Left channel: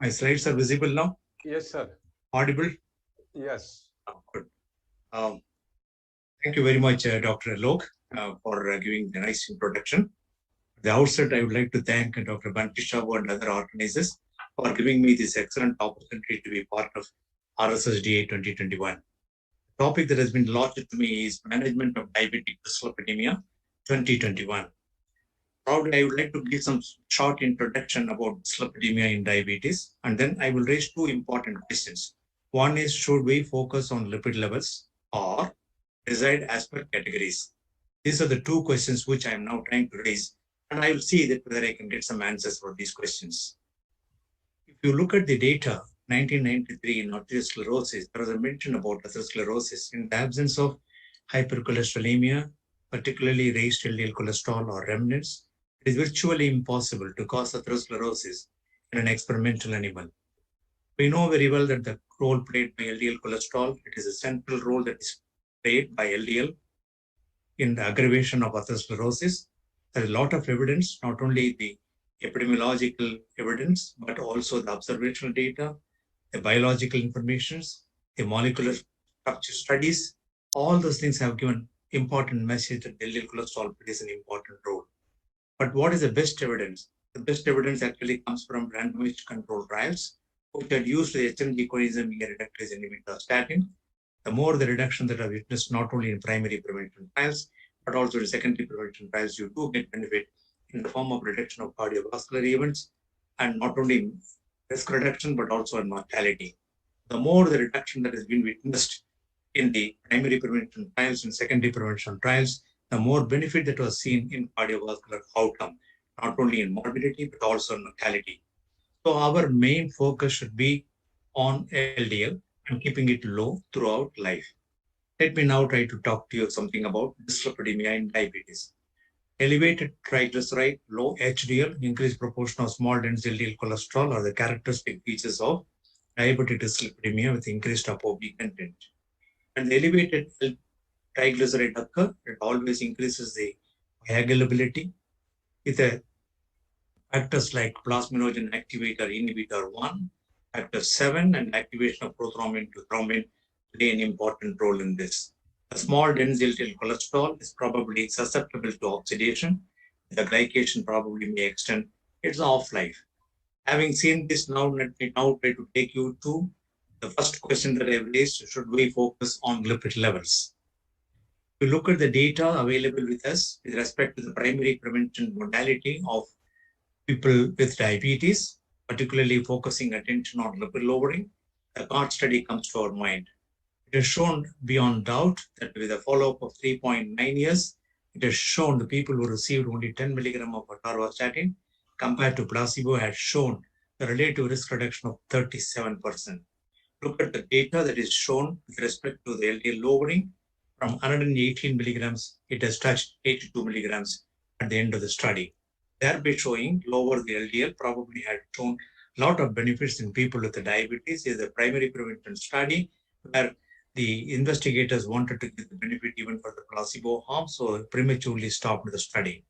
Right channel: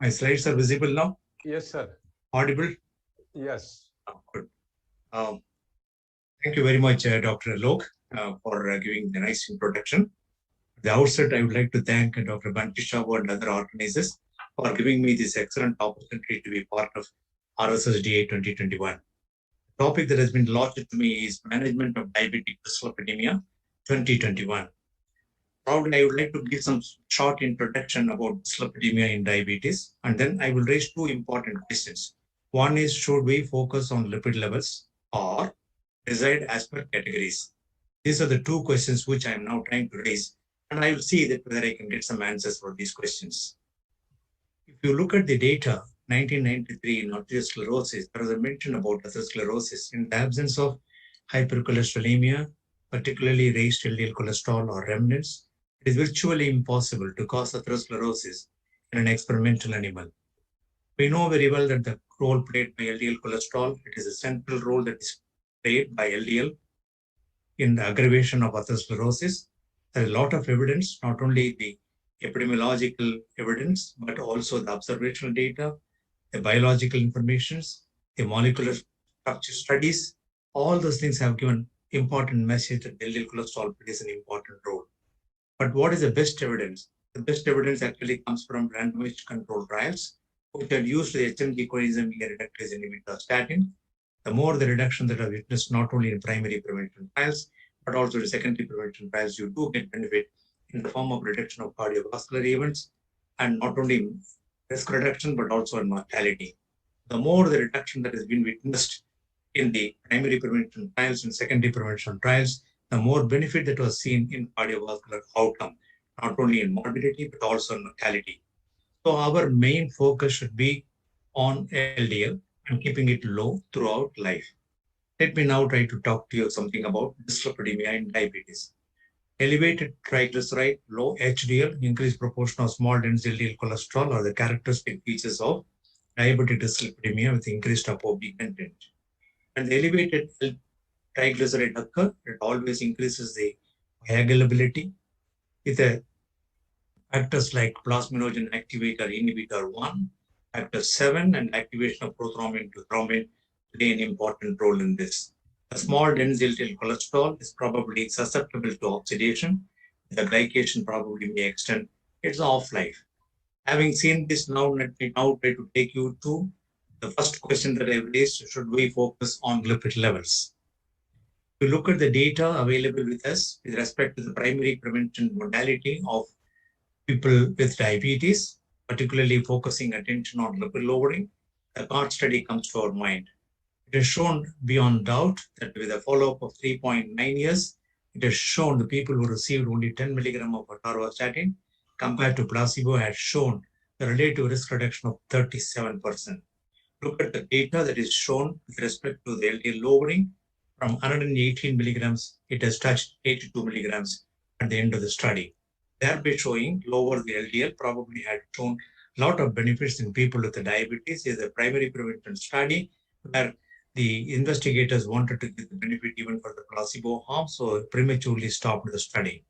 My slides are visible now? Yes, sir. Audible? Yes. Good. Um, Thank you very much, Dr. Alok, for giving the nice introduction. At the outset, I would like to thank Dr. Bantisha and other organizers for giving me this excellent opportunity to be part of RSSDA 2021. The topic that has been allotted to me is Management of Diabetic Dyslipidemia 2021. Probably I would like to give some short introduction about dyslipidemia in diabetes, and then I will raise two important questions. One is, should we focus on lipid levels or decide as per categories? These are the two questions which I am now trying to raise, and I will see that whether I can get some answers for these questions. If you look at the data, 1993 in atherosclerosis, there was a mention about atherosclerosis in the absence of hypercholesterolemia, particularly raised LDL cholesterol or remnants. It is virtually impossible to cause atherosclerosis in an experimental animal. We know very well that the role played by LDL cholesterol, it is a central role that is played by LDL in the aggravation of atherosclerosis. There is a lot of evidence, not only the epidemiological evidence, but also the observational data, the biological informations, the molecular structure studies. All those things have given important message that LDL cholesterol plays an important role. But what is the best evidence? The best evidence actually comes from randomized controlled trials, which had used the HMG coenzyme E reductase inhibitor statin. The more the reduction that are witnessed not only in primary prevention trials, but also in secondary prevention trials, you do get benefit in the form of reduction of cardiovascular events, and not only in risk reduction, but also in mortality. The more the reduction that has been witnessed in the primary prevention trials and secondary prevention trials, the more benefit that was seen in cardiovascular outcome, not only in morbidity, but also in mortality. So our main focus should be on LDL and keeping it low throughout life. Let me now try to talk to you something about dyslipidemia in diabetes. Elevated triglyceride, low HDL, increased proportion of small dense LDL cholesterol are the characteristic features of diabetic dyslipidemia with increased ApoB content. And the elevated triglyceride occur, it always increases the coagulability with a factors like plasminogen activator inhibitor 1, factor 7, and activation of prothrombin to thrombin play an important role in this. A small dense LDL cholesterol is probably susceptible to oxidation. The glycation probably may extend its half-life. Having seen this, now let me now try to take you to the first question that I've raised: should we focus on lipid levels? If you look at the data available with us with respect to the primary prevention modality of people with diabetes, particularly focusing attention on lipid lowering, the CART study comes to our mind. It has shown beyond doubt that with a follow-up of 3.9 years, it has shown the people who received only 10 milligram of atorvastatin compared to placebo had shown the relative risk reduction of 37%. Look at the data that is shown with respect to the LDL lowering. From 118 milligrams, it has touched 82 milligrams at the end of the study. Thereby showing lower the LDL probably had shown a lot of benefits in people with the diabetes. Is a primary prevention study where the investigators wanted to give the benefit even for the placebo arm, so prematurely stopped the study.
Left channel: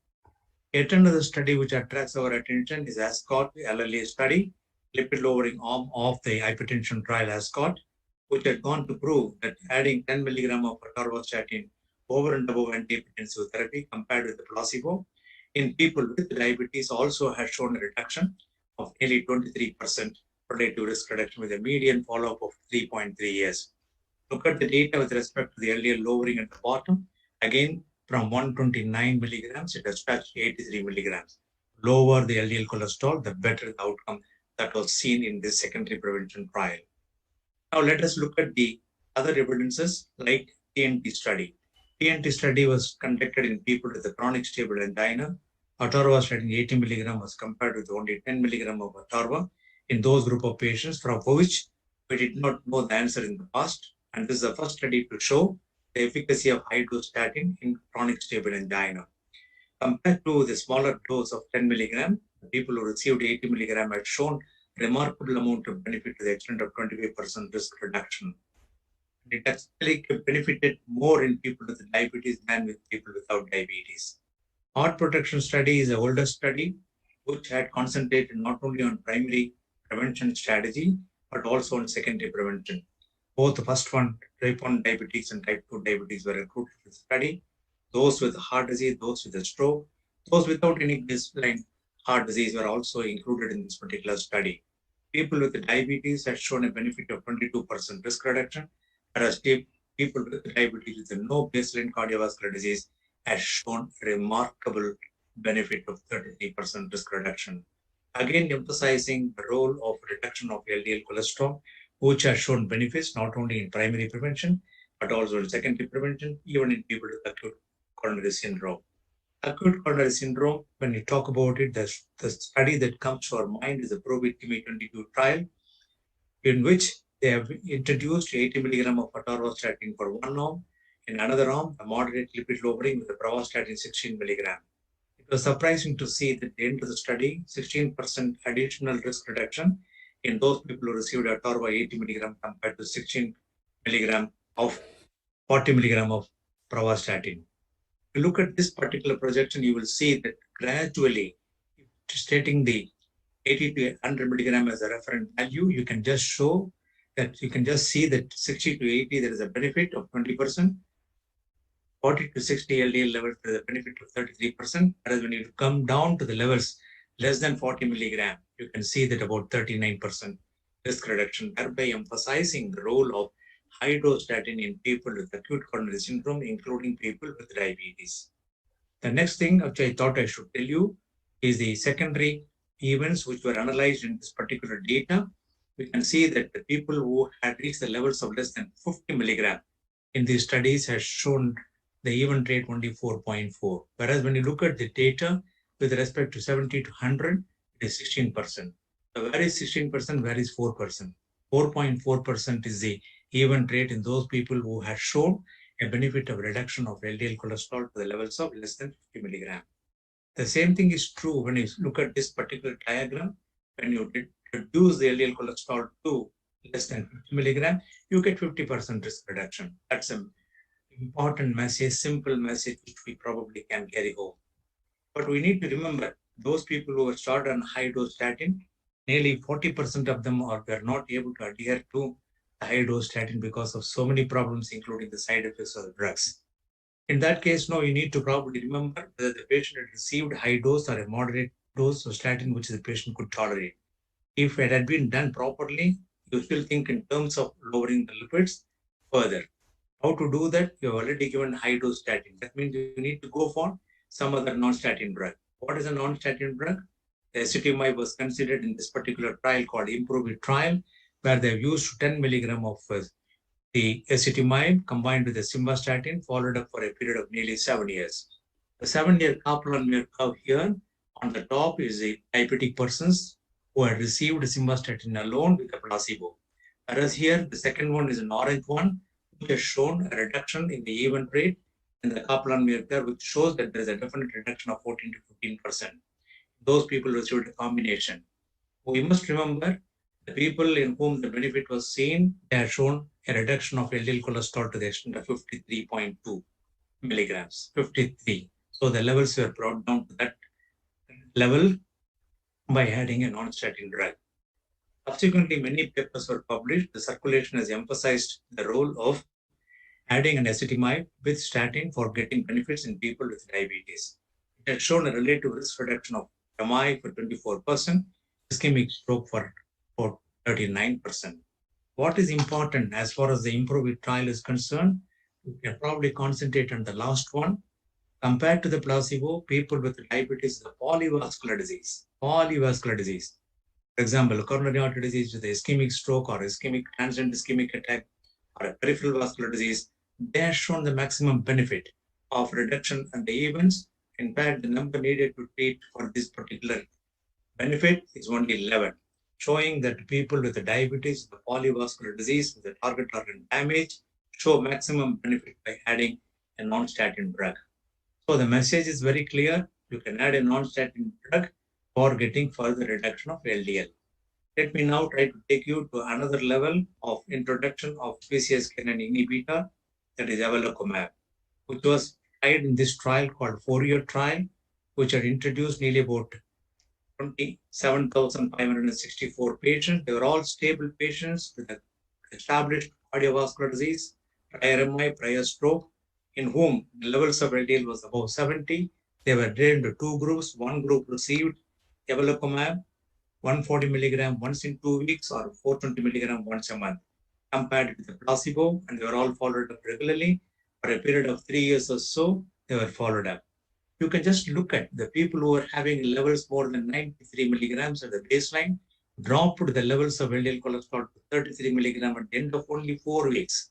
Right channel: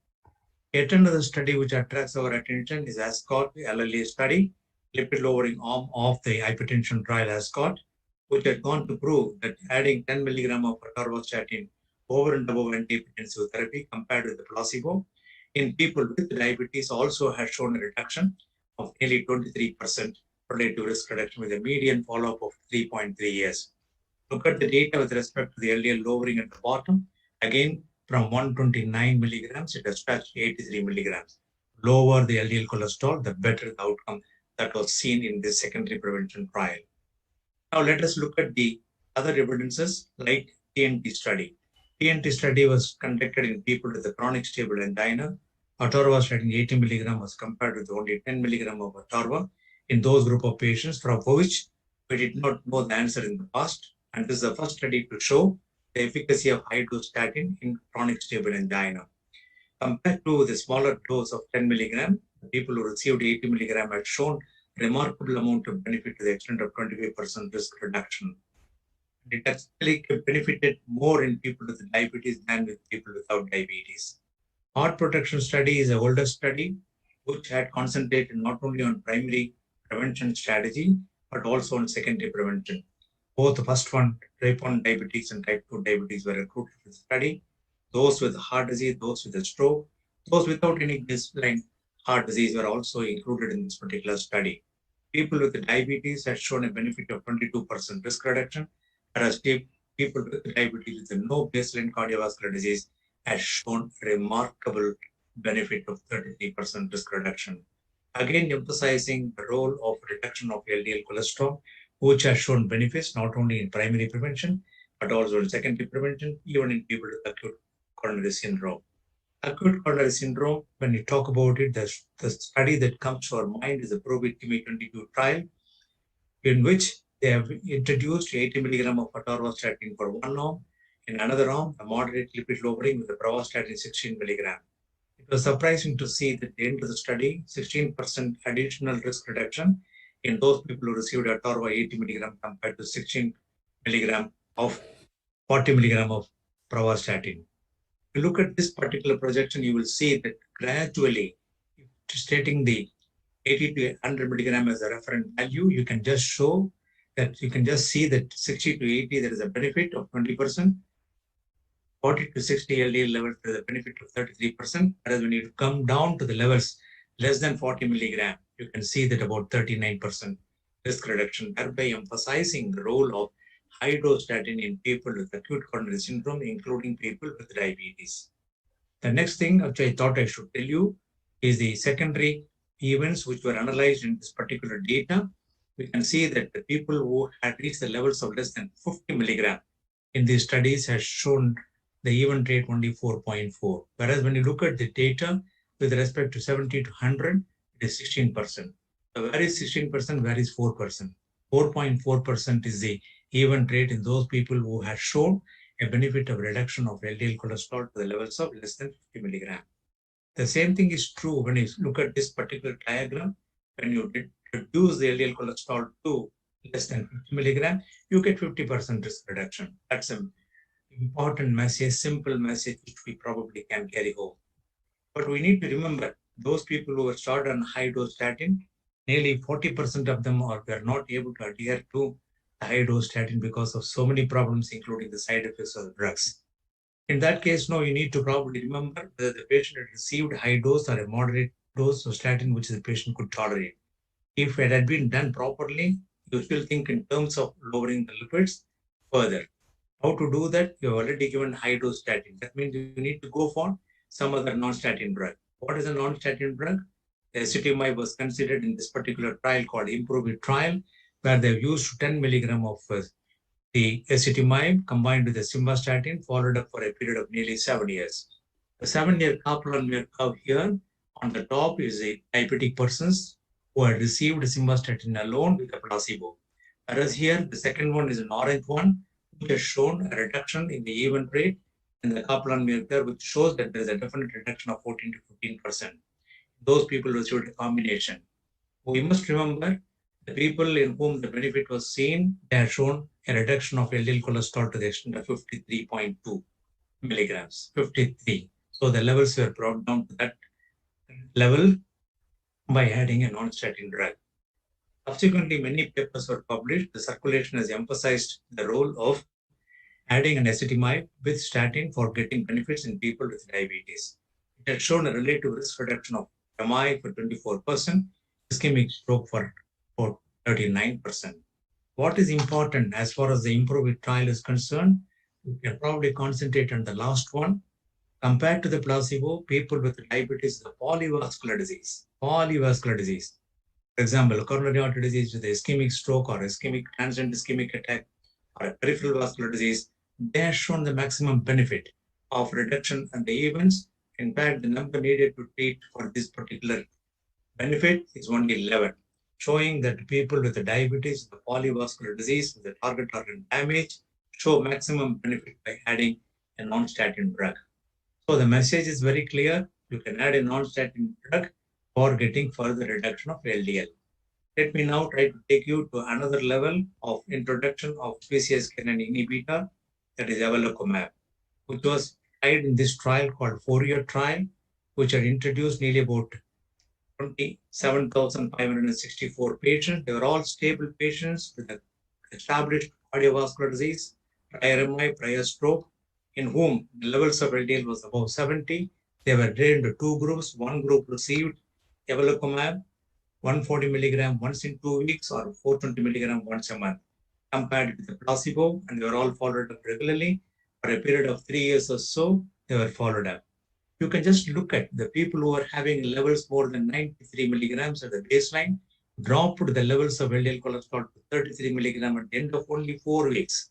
Yet another study which attracts our attention is ASCOT, the LLA study, lipid lowering arm of the hypertension trial ASCOT, which had gone to prove that adding 10 milligram of atorvastatin over and above antihypertensive therapy compared with the placebo in people with diabetes also has shown a reduction of nearly 23% relative risk reduction with a median follow-up of 3.3 years. Look at the data with respect to the LDL lowering at the bottom. Again, from 129 milligrams, it has touched 83 milligrams. Lower the LDL cholesterol, the better the outcome that was seen in this secondary prevention trial. Now let us look at the other evidences like TNT study. TNT study was conducted in people with a chronic stable angina. Atorvastatin 80 milligram was compared with only 10 milligram of atorva in those group of patients for which we did not know the answer in the past. And this is the first study to show the efficacy of high dose statin in chronic stable angina. Compared to the smaller dose of 10 milligram, the people who received 80 milligram had shown remarkable amount of benefit to the extent of 25% risk reduction. It actually benefited more in people with diabetes than with people without diabetes. Heart protection study is an older study which had concentrated not only on primary prevention strategy, but also on secondary prevention. Both the first one, type 1 diabetes and type 2 diabetes, were recruited for the study. Those with heart disease, those with a stroke, those without any baseline heart disease were also included in this particular study. People with diabetes had shown a benefit of 22% risk reduction, whereas people with diabetes with no baseline cardiovascular disease had shown a remarkable benefit of 33% risk reduction. Again, emphasizing the role of reduction of LDL cholesterol, which has shown benefits not only in primary prevention, but also in secondary prevention, even in people with acute coronary syndrome. Acute coronary syndrome, when you talk about it, the study that comes to our mind is the PROBIT-TIMI-22 trial, in which they have introduced 80 milligram of atorvastatin for one arm, in another arm, a moderate lipid lowering with the pravastatin 16 milligram. It was surprising to see that at the end of the study, 16% additional risk reduction in those people who received atorva 80 milligram compared to 16 milligram of 40 milligram of pravastatin. If you look at this particular projection, you will see that gradually, stating the 80 to 100 milligram as a reference value, you can just show that you can just see that 60 to 80, there is a benefit of 20%. 40 to 60 LDL levels, there is a benefit of 33%. Whereas when you come down to the levels less than 40 milligram, you can see that about 39% risk reduction, thereby emphasizing the role of high dose statin in people with acute coronary syndrome, including people with diabetes. The next thing which I thought I should tell you is the secondary events which were analyzed in this particular data. We can see that the people who had reached the levels of less than 50 milligram in these studies has shown the event rate only 4.4. Whereas when you look at the data with respect to 70 to 100, it is 16%. So where is 16%? Where is 4%? 4.4% is the event rate in those people who have shown a benefit of reduction of LDL cholesterol to the levels of less than 50 milligram. The same thing is true when you look at this particular diagram. When you reduce the LDL cholesterol to less than 50 milligram, you get 50% risk reduction. That's an important message, simple message, which we probably can carry home. But we need to remember, those people who were started on high-dose statin, nearly 40% of them were not able to adhere to high-dose statin because of so many problems, including the side effects of the drugs. In that case, now you need to probably remember whether the patient had received high dose or a moderate dose of statin, which the patient could tolerate. If it had been done properly, you still think in terms of lowering the lipids further. How to do that? You have already given high dose statin. That means you need to go for some other non-statin drug. What is a non-statin drug? The ezetimibe was considered in this particular trial called IMPROVE trial, where they've used 10 milligram of the ezetimibe combined with the simvastatin, followed up for a period of nearly 7 years. The 7-year Kaplan-Meier curve here on the top is the diabetic persons who had received simvastatin alone with a placebo. Whereas here, the second one is an orange one, which has shown a reduction in the event rate in the Kaplan-Meier curve, which shows that there is a definite reduction of 14 to 15%. Those people received a combination. We must remember the people in whom the benefit was seen, they have shown a reduction of LDL cholesterol to the extent of 53.2 milligrams, 53. So the levels were brought down to that level by adding a non-statin drug. Subsequently, many papers were published. The circulation has emphasized the role of adding an ezetimibe with statin for getting benefits in people with diabetes. It has shown a relative risk reduction of MI for 24%, ischemic stroke for 39%. What is important as far as the IMPROVE trial is concerned, we can probably concentrate on the last one. Compared to the placebo, people with diabetes, the polyvascular disease. For example, coronary artery disease with ischemic stroke or ischemic transient ischemic attack or a peripheral vascular disease, they have shown the maximum benefit of reduction in the events. In fact, the number needed to treat for this particular benefit is only 11, showing that people with the diabetes, the polyvascular disease, with the target organ damage, show maximum benefit by adding a non-statin drug. So the message is very clear. You can add a non-statin drug for getting further reduction of LDL. Let me now try to take you to another level of introduction of PCSK inhibitor, that is evolocumab, which was tried in this trial called 4-year trial, which had introduced nearly about 27,564 patients. They were all stable patients with established cardiovascular disease, prior MI, prior stroke, in whom the levels of LDL was above 70. They were divided into two groups. One group received evolocumab, 140 milligram once in 2 weeks or 420 milligram once a month, compared with the placebo, and they were all followed up regularly. For a period of 3 years or so, they were followed up. You can just look at the people who are having levels more than 93 milligrams at the baseline, dropped the levels of LDL cholesterol to 33 milligram at the end of only 4 weeks.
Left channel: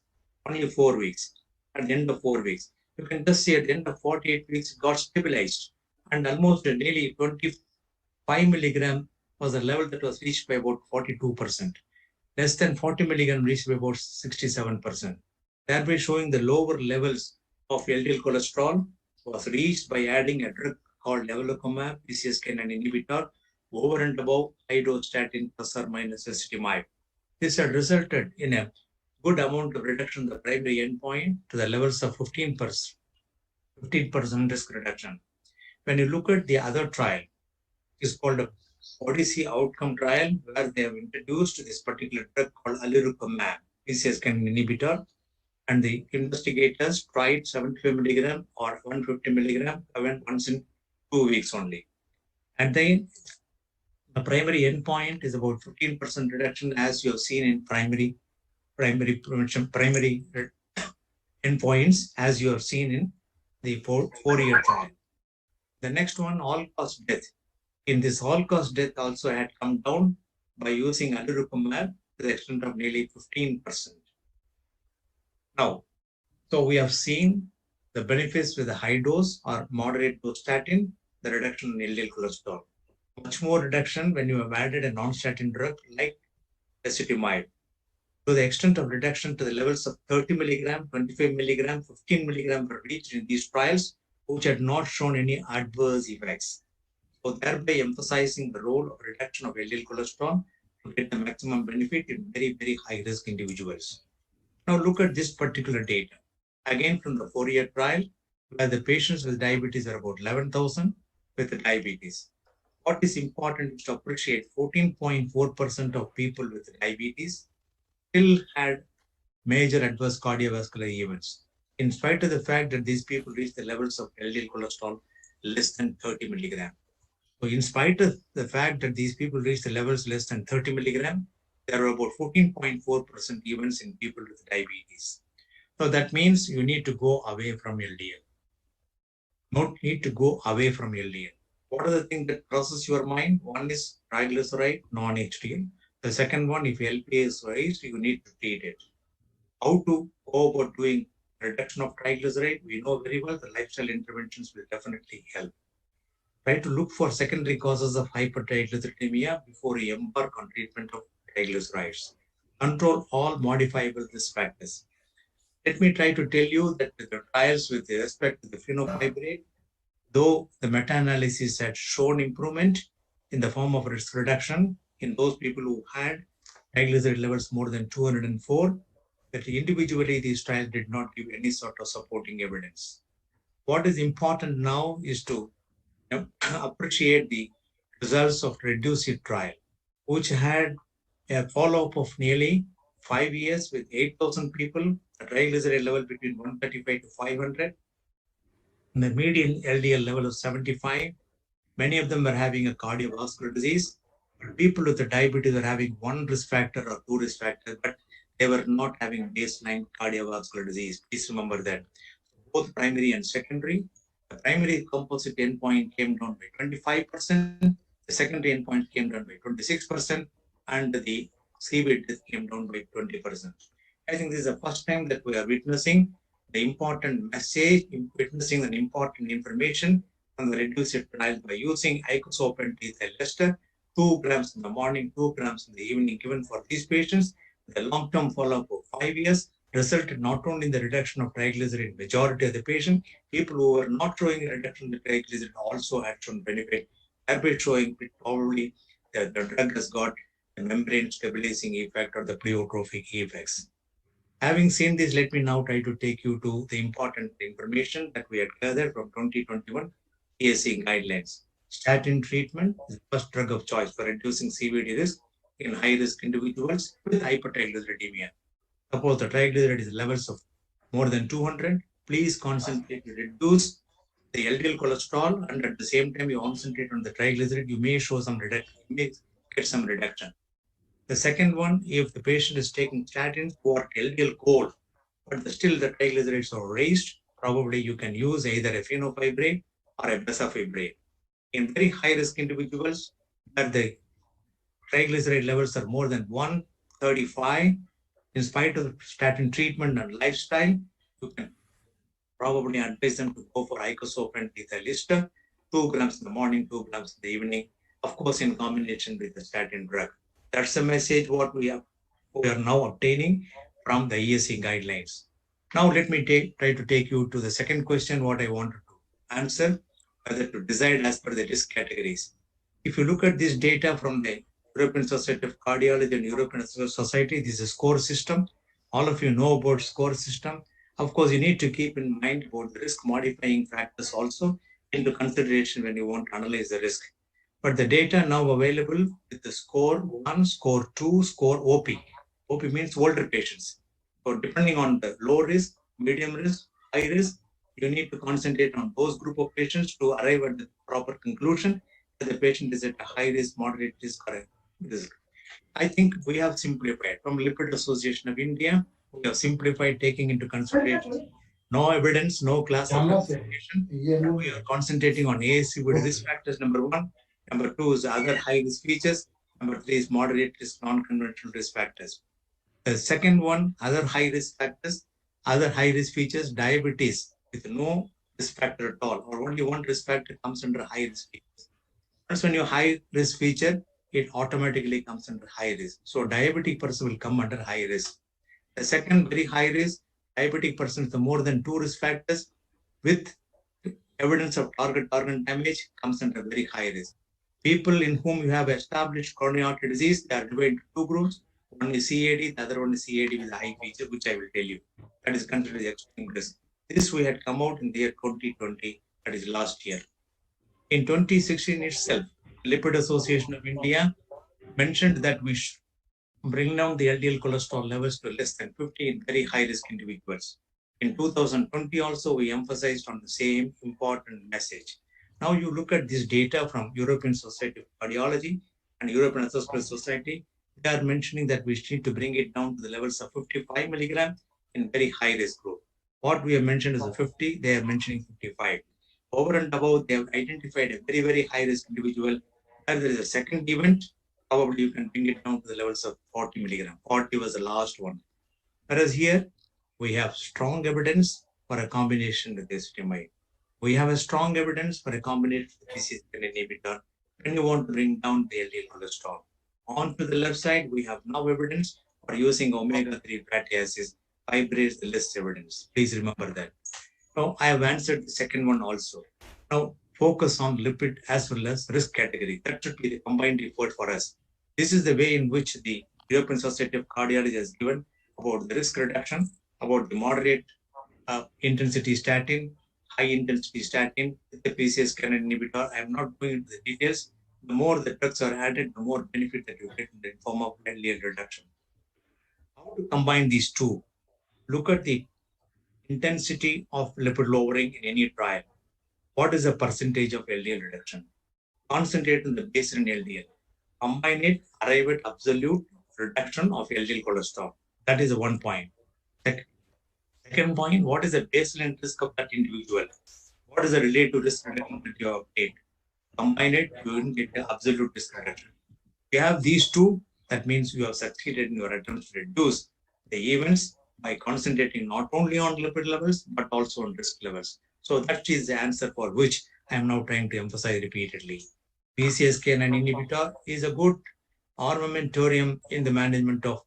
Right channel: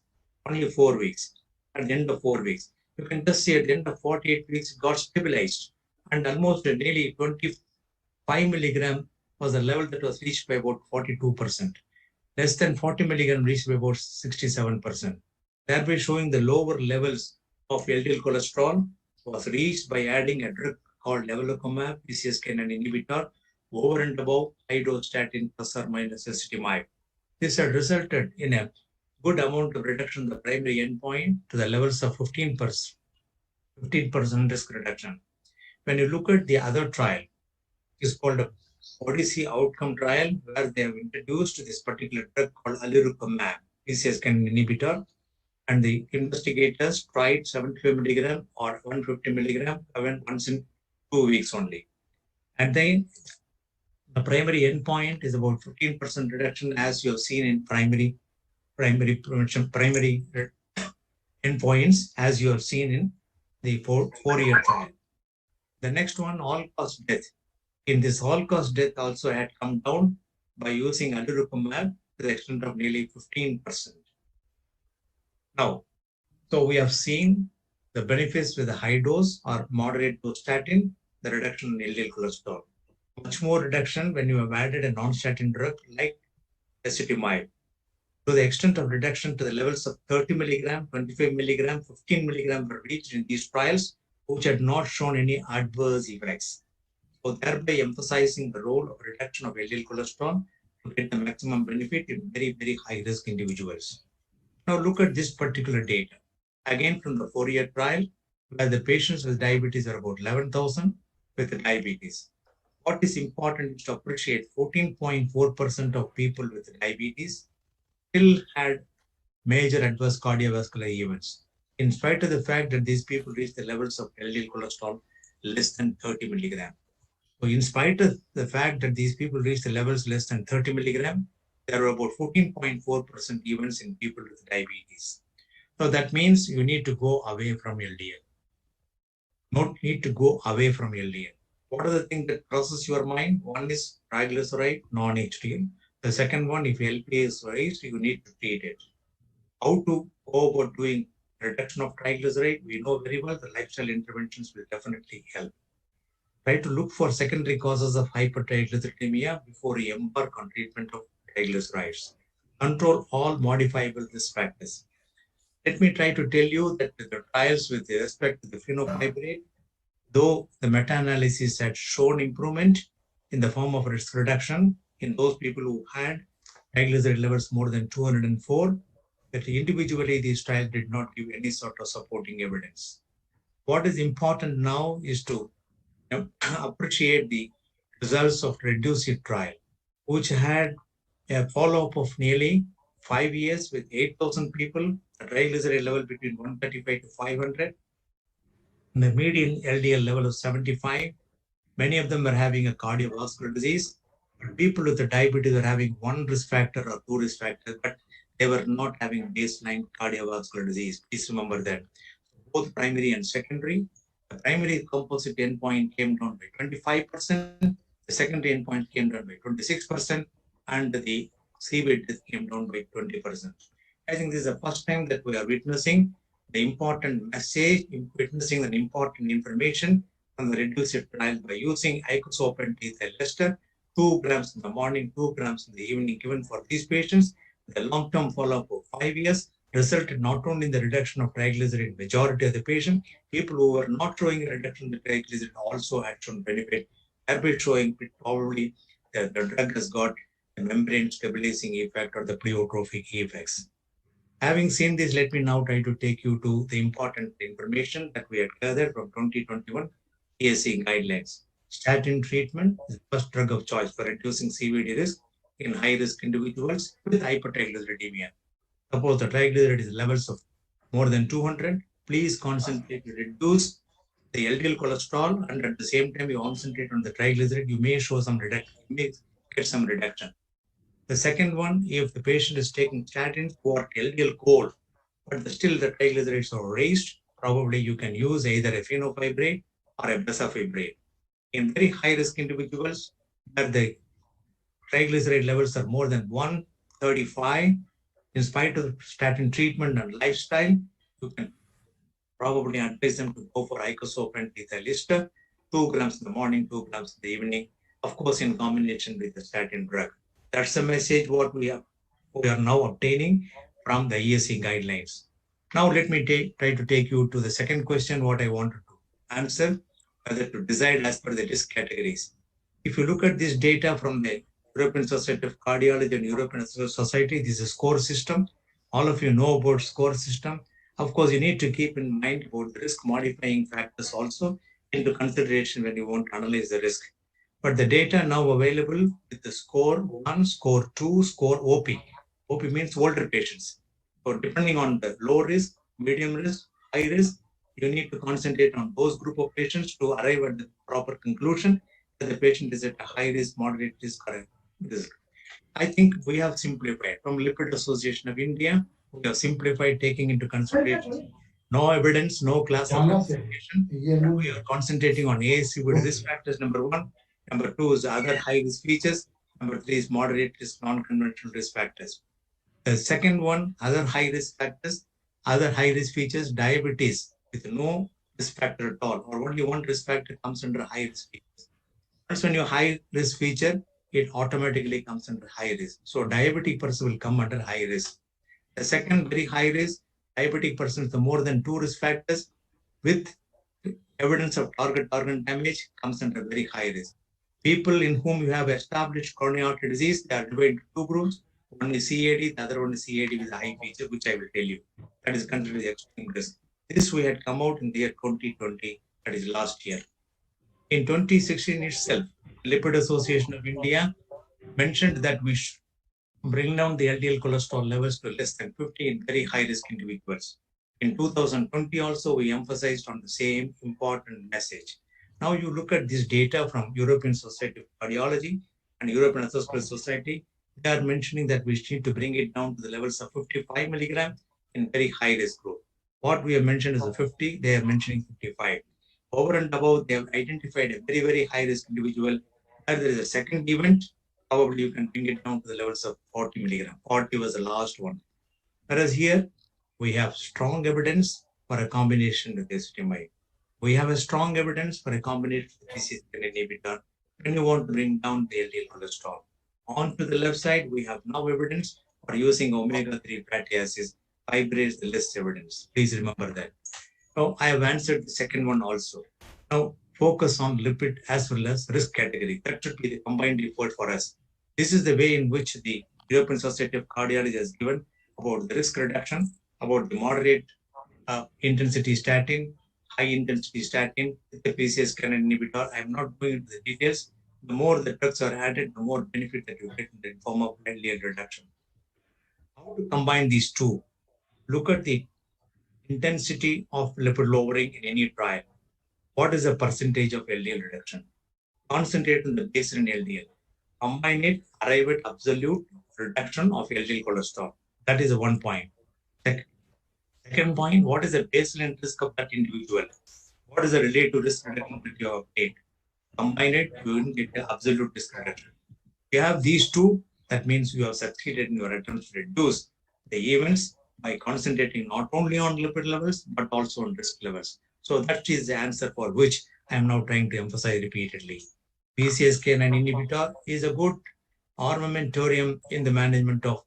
Only 4 weeks. At the end of 4 weeks. You can just see at the end of 48 weeks, it got stabilized. And almost nearly 25 milligram was a level that was reached by about 42%. Less than 40 milligram reached by about 67%. Thereby showing the lower levels of LDL cholesterol was reached by adding a drug called evolocumab, PCSK inhibitor, over and above high-dose statin plus or minus ezetimibe. This had resulted in a good amount of reduction in the primary endpoint to the levels of 15%, 15% risk reduction. When you look at the other trial, it's called a Odyssey outcome trial, where they have introduced this particular drug called alirocumab, PCSK inhibitor, and the investigators tried 75 milligram or 150 milligram once in 2 weeks only. And then the primary endpoint is about 15% reduction, as you have seen in primary endpoints, as you have seen in the four-year trial. The next one, all-cause death. In this all-cause death also had come down by using alirocumab to the extent of nearly 15%. Now, so we have seen the benefits with the high dose or moderate dose statin, the reduction in LDL cholesterol. Much more reduction when you have added a non-statin drug like ezetimibe. To the extent of reduction to the levels of 30 milligram, 25 milligram, 15 milligram were reached in these trials, which had not shown any adverse effects. So thereby emphasizing the role of reduction of LDL cholesterol to get the maximum benefit in very, very high-risk individuals. Now look at this particular data. Again from the 4-year trial, where the patients with diabetes are about 11,000 with diabetes. What is important is to appreciate 14.4% of people with diabetes still had major adverse cardiovascular events, in spite of the fact that these people reached the levels of LDL cholesterol less than 30 milligram. So in spite of the fact that these people reached the levels less than 30 milligram, there were about 14.4% events in people with diabetes. So that means you need to go away from LDL. Don't need to go away from LDL. What are the things that crosses your mind? One is triglyceride, non-HDL. The second one, if LPA is raised, you need to treat it. How to go about doing reduction of triglyceride? We know very well the lifestyle interventions will definitely help. Try to look for secondary causes of hypertriglyceridemia before you embark on treatment of triglycerides. Control all modifiable risk factors. Let me try to tell you that the trials with respect to the fenofibrate, though the meta-analysis had shown improvement in the form of risk reduction in those people who had triglyceride levels more than 204, that individually these trials did not give any sort of supporting evidence. What is important now is to appreciate the results of REDUCE-IT trial, which had a follow-up of nearly 5 years with 8,000 people, a triglyceride level between 135 to 500, and the median LDL level of 75. Many of them were having a cardiovascular disease. People with the diabetes are having one risk factor or two risk factors, but they were not having baseline cardiovascular disease. Please remember that. Both primary and secondary. The primary composite endpoint came down by 25%. The secondary endpoint came down by 26%. And the CV death came down by 20%. I think this is the first time that we are witnessing the important message, witnessing an important information from the REDUCE-IT trial by using icosapent ethyl ester, 2 grams in the morning, 2 grams in the evening, given for these patients with a long-term follow-up of 5 years, resulted not only in the reduction of triglyceride majority of the patient, people who were not showing a reduction in the triglyceride also had shown benefit, thereby showing probably that the drug has got a membrane stabilizing effect or the pleiotropic effects. Having seen this, let me now try to take you to the important information that we had gathered from 2021 PSC guidelines. Statin treatment is the first drug of choice for reducing CVD risk in high-risk individuals with hypertriglyceridemia. Suppose the triglyceride levels of more than 200, please concentrate to reduce the LDL cholesterol, and at the same time you concentrate on the triglyceride, you may show some reduction, you may get some reduction. The second one, if the patient is taking statins for LDL goal, but still the triglycerides are raised, probably you can use either a fenofibrate or a bezafibrate. In very high-risk individuals, where the triglyceride levels are more than 135, in spite of statin treatment and lifestyle, you can probably advise them to go for icosapent ethyl ester, 2 grams in the morning, 2 grams in the evening, of course, in combination with the statin drug. That's the message what we are now obtaining from the ESC guidelines. Now let me try to take you to the second question, what I wanted to answer, whether to decide as per the risk categories. If you look at this data from the European Society of Cardiology and European Society, this is a score system. All of you know about score system. Of course, you need to keep in mind about the risk modifying factors also into consideration when you want to analyze the risk. But the data now available with the score 1, score 2, score OP. OP means older patients. So depending on the low risk, medium risk, high risk, you need to concentrate on those group of patients to arrive at the proper conclusion that the patient is at a high risk, moderate risk, or risk. I think we have simplified. From Lipid Association of India, we have simplified taking into consideration no evidence, no class of classification. We are concentrating on ASC with risk factors, number 1. Number 2 is other high risk features. Number 3 is moderate risk, non-conventional risk factors. The second one, other high risk factors, other high risk features, diabetes with no risk factor at all, or only one risk factor comes under high risk features. That's when your high risk feature, it automatically comes under high risk. So diabetic person will come under high risk. The second very high risk, diabetic person with more than 2 risk factors with evidence of target organ damage comes under very high risk. People in whom you have established coronary artery disease, they are divided into 2 groups. One is CAD, the other one is CAD with a high feature, which I will tell you. That is considered the extreme risk. This we had come out in the year 2020, that is last year. In 2016 itself, Lipid Association of India mentioned that we should bring down the LDL cholesterol levels to less than 50 in very high-risk individuals. In 2020 also, we emphasized on the same important message. Now you look at this data from European Society of Cardiology and European Association Society, they are mentioning that we need to bring it down to the levels of 55 milligrams in very high-risk group. What we have mentioned is a 50, they are mentioning 55. Over and above, they have identified a very, very high-risk individual where there is a second event, probably you can bring it down to the levels of 40 milligrams. 40 was the last one. Whereas here, we have strong evidence for a combination with ezetimibe. We have a strong evidence for a combination with PCSK inhibitor when you want to bring down the LDL cholesterol. On to the left side, we have now evidence for using omega-3 fatty acids. Fibrates the less evidence. Please remember that. Now, I have answered the second one also. Now, focus on lipid as well as risk category. That should be the combined effort for us. This is the way in which the European Society of Cardiology has given about the risk reduction, about the moderate intensity statin, high intensity statin with the PCSK inhibitor. I am not going into the details. The more the drugs are added, the more benefit that you get in the form of LDL reduction. How to combine these two? Look at the intensity of lipid lowering in any trial. What is the percentage of LDL reduction? Concentrate on the baseline LDL. Combine it, arrive at absolute reduction of LDL cholesterol. That is one point. Second point, what is the baseline risk of that individual? What is the relative risk reduction that you have obtained? Combine it, you will get the absolute risk reduction. If you have these two, that means you have succeeded in your attempts to reduce the events by concentrating not only on lipid levels, but also on risk levels. So that is the answer for which I am now trying to emphasize repeatedly. PCSK9 inhibitor is a good armamentarium in the management of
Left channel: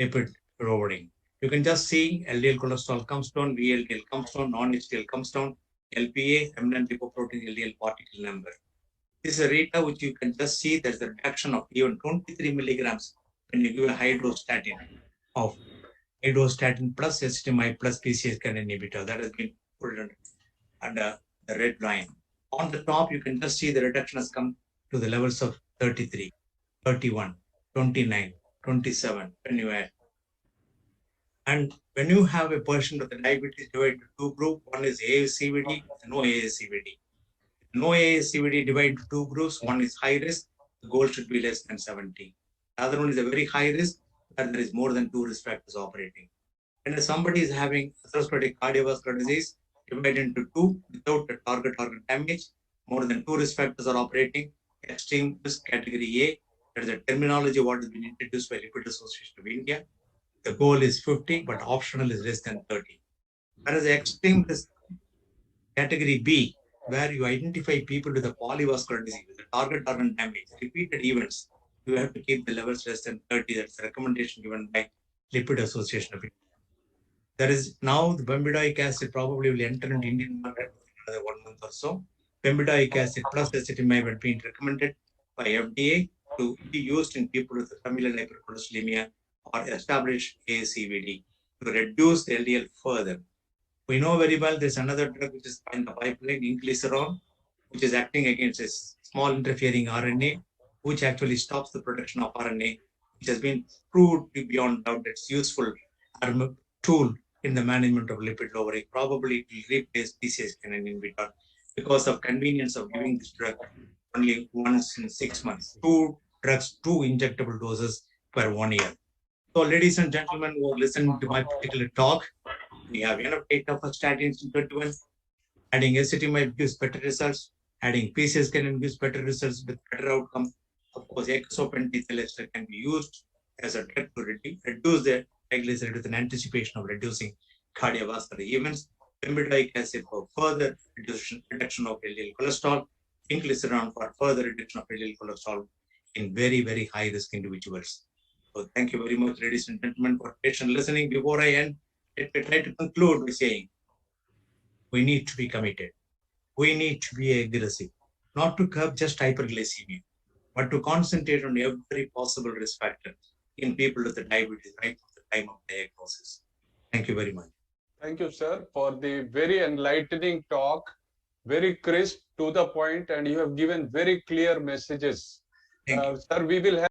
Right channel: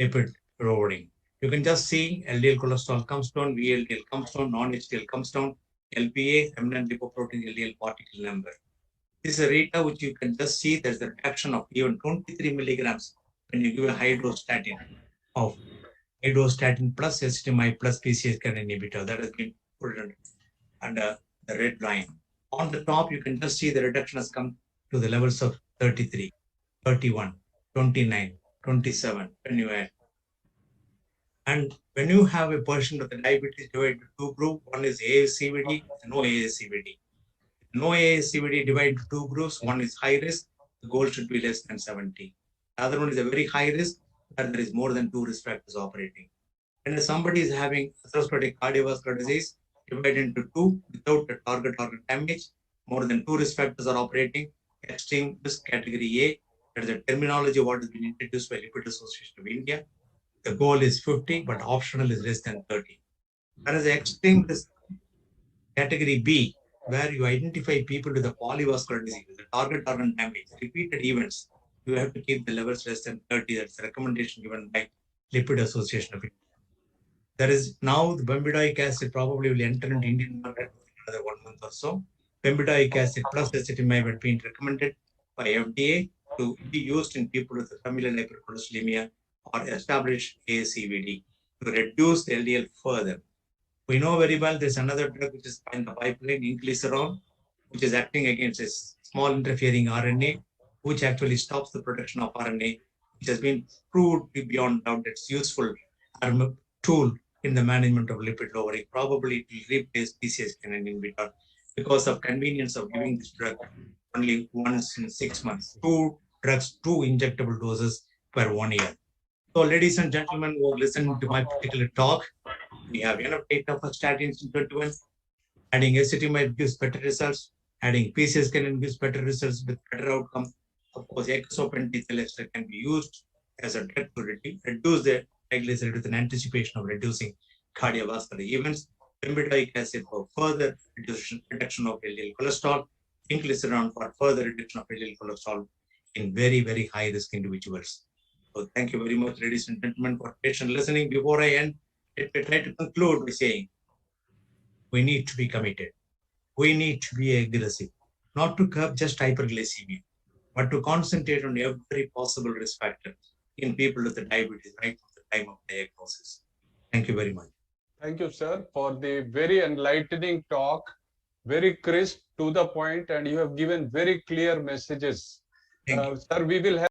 lipid lowering. You can just see LDL cholesterol comes down, VLDL comes down, non-HDL comes down, LPA, remnant lipoprotein, LDL particle number. This is a data which you can just see there's a reduction of even 23 milligrams when you give a high dose statin of high dose statin plus ezetimibe plus PCSK inhibitor. That has been put under the red line. On the top, you can just see the reduction has come to the levels of 33, 31, 29, 27 when you add. And when you have a portion of the diabetes divided into two groups, one is ASCVD and no ASCVD. No ASCVD divided into two groups, one is high risk, the goal should be less than 70. The other one is a very high risk, where there is more than 2 risk factors operating. And if somebody is having atherosclerotic cardiovascular disease, divided into two without a target organ damage, more than 2 risk factors are operating, extreme risk category A, that is the terminology what has been introduced by Lipid Association of India. The goal is 50, but optional is less than 30. Whereas extreme risk category B, where you identify people with a polyvascular disease, with a target organ damage, repeated events, you have to keep the levels less than 30. That's the recommendation given by Lipid Association of India. There is now the bempedoic acid probably will enter into Indian market in another 1 month or so. Bempedoic acid plus ezetimibe has been recommended by FDA to be used in people with familial hypercholesterolemia or established ASCVD to reduce the LDL further. We know very well there's another drug which is in the pipeline, inclisiran, which is acting against a small interfering RNA, which actually stops the production of RNA, which has been proved to be beyond doubt it's useful tool in the management of lipid lowering. Probably it will replace PCSK inhibitor because of convenience of giving this drug only once in 6 months. 2 drugs, 2 injectable doses per 1 year. So, ladies and gentlemen who are listening to my particular talk, we have enough data for statins in 21. Adding ezetimibe gives better results. Adding PCSK gives better results with better outcome. Of course, exopentyl ester can be used as a drug to reduce the triglyceride with an anticipation of reducing cardiovascular events. Bempedoic acid for further reduction of LDL cholesterol. Inclisiran for further reduction of LDL cholesterol in very, very high risk individuals. So thank you very much, ladies and gentlemen, for patient listening. Before I end, let me try to conclude by saying we need to be committed. We need to be aggressive, not to curb just hyperglycemia, but to concentrate on every possible risk factor in people with the diabetes right from the time of diagnosis. Thank you very much. Thank you, sir, for the very enlightening talk, very crisp, to the point, and you have given very clear messages. Sir, we will have